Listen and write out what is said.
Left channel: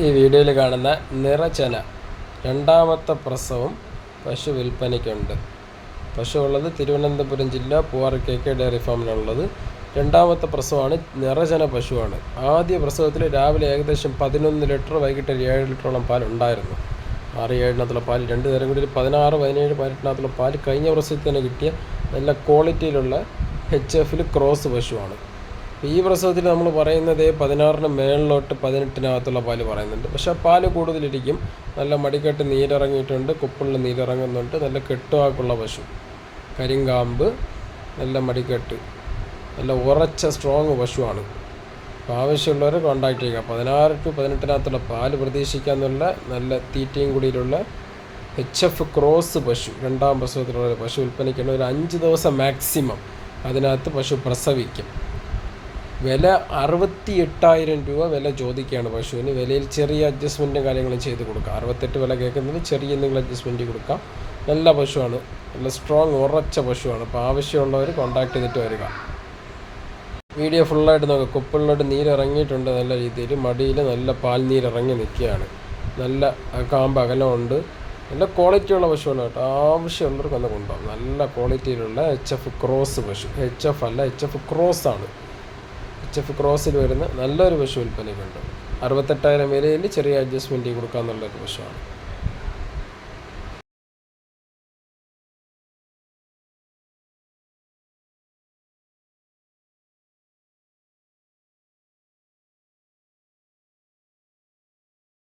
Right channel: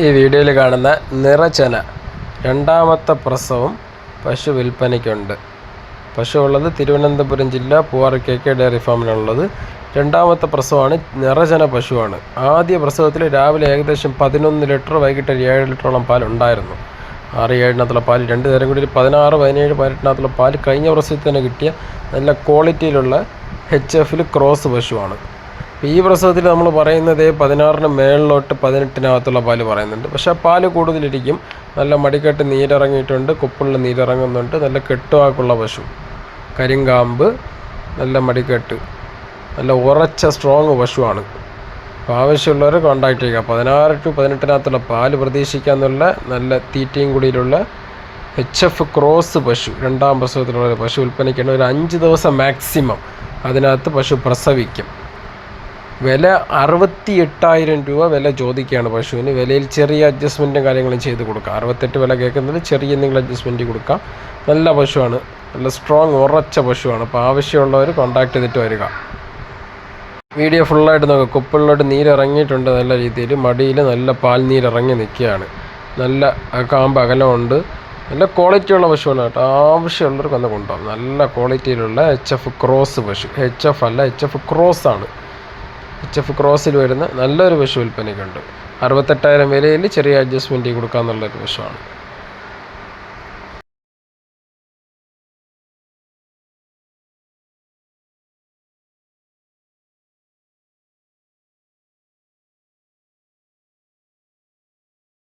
ഈ വീഡിയോയിൽ കാണുന്ന നിറച്ചന രണ്ടാമത്തെ പ്രസവം പശു വിൽപ്പനയ്ക്കുണ്ട്. പശു ഉള്ളത് തിരുവനന്തപുരം ജില്ല പൂവാറ കെ കെ ഡയറി ഫാമിലുള്ളത് രണ്ടാമത്തെ പ്രസവമാണ് നിറചന പശുവാണ്. ആദ്യ പ്രസവത്തിൽ രാവിലെ ഏകദേശം പതിനൊന്ന് ലിറ്റർ വൈകിട്ട് ഒരു ഏഴ് ലിറ്ററോളം പാൽ ഉണ്ടായിരുന്നു. ആറ് ഏഴിനകത്തുള്ള പാൽ രണ്ട് നേരം കൂടി പതിനാറ് പതിനേഴ് പതിനെട്ടിനകത്തുള്ള പാൽ കഴിഞ്ഞ പ്രസവത്തിൽ തന്നെ കിട്ടിയ നല്ല ക്വാളിറ്റിയിലുള്ള എച്ച് എഫിൽ ക്രോസ് പശുവാണ്. ഈ പ്രസവത്തിൽ നമ്മൾ പറയുന്നത് പതിനാറിന് മേളിലോട്ട് പതിനെട്ടിനകത്തുള്ള പാൽ പറയുന്നുണ്ട്. പക്ഷേ ആ പാൽ കൂടുതലിരിക്കും. നല്ല മടിക്കെട്ട് നീരിറങ്ങിയിട്ടുണ്ട്. കുപ്പിളിൽ നീരിറങ്ങുന്നുണ്ട്. നല്ല കെട്ടുവാക്കുള്ള പശു. കരിങ്കാമ്പ് നല്ല മടിക്കെട്ട്. നല്ല ഉറച്ച സ്ട്രോങ് പശുവാണ്. അപ്പോൾ ആവശ്യമുള്ളവർ കോൺടാക്റ്റ് ചെയ്യുക. പതിനാറ് ടു പതിനെട്ടിനകത്തുള്ള പാൽ പ്രതീക്ഷിക്കാമെന്നുള്ള നല്ല തീറ്റയും കൂടിയിലുള്ള എച്ച് എഫ് ക്രോസ് പശു രണ്ടാം പ്രസവത്തിലുള്ള പശു ഉൽപ്പന്നിക്കേണ്ട ഒരു അഞ്ച് ദിവസം മാക്സിമം അതിനകത്ത് പശു പ്രസവിക്കും. വില അറുപത്തി എട്ടായിരം രൂപ വില ചോദിക്കുകയാണ് പശുവിന്. വിലയിൽ ചെറിയ അഡ്ജസ്റ്റ്മെന്റും കാര്യങ്ങളും ചെയ്ത് കൊടുക്കാം. അറുപത്തെട്ട് വില കേൾക്കുന്നത് ചെറിയ എന്തെങ്കിലും അഡ്ജസ്റ്റ്മെന്റ് കൊടുക്കാം. നല്ല പശുവാണ്. നല്ല സ്ട്രോങ് ഉറച്ച പശുവാണ്. അപ്പോൾ ആവശ്യമുള്ളവർ കോൺടാക്ട് ചെയ്തിട്ട് വരിക. വീഡിയോ ഫുള്ളായിട്ട് നോക്കുക കുപ്പിളിലോട്ട് നീരിറങ്ങിയിട്ടുണ്ട് നല്ല രീതിയിൽ. മടിയിൽ നല്ല പാൽ നീരിറങ്ങി നിൽക്കുകയാണ്. നല്ല കാമ്പ് അകലമുണ്ട്. നല്ല ക്വാളിറ്റിയുള്ള പശുവാണ് കേട്ടോ. ആവശ്യമുള്ളവർക്ക് ഒന്ന് കൊണ്ടുപോകാം. നല്ല ക്വാളിറ്റിയിലുള്ള എച്ച് എഫ് ക്രോസ് പശു. എച്ച് എഫ് അല്ല എച്ച് എഫ് ക്രോസ് ആണ്. എച്ച് എഫ് ക്രോസിൽ വരുന്ന നല്ലൊരു പശു വിൽപ്പനയ്ക്കുണ്ട്. അറുപത്തെട്ടായിരം വിലയിൽ ചെറിയ അഡ്ജസ്റ്റ്മെന്റ് കൊടുക്കാമെന്നുള്ളൊരു പശുവാണ്.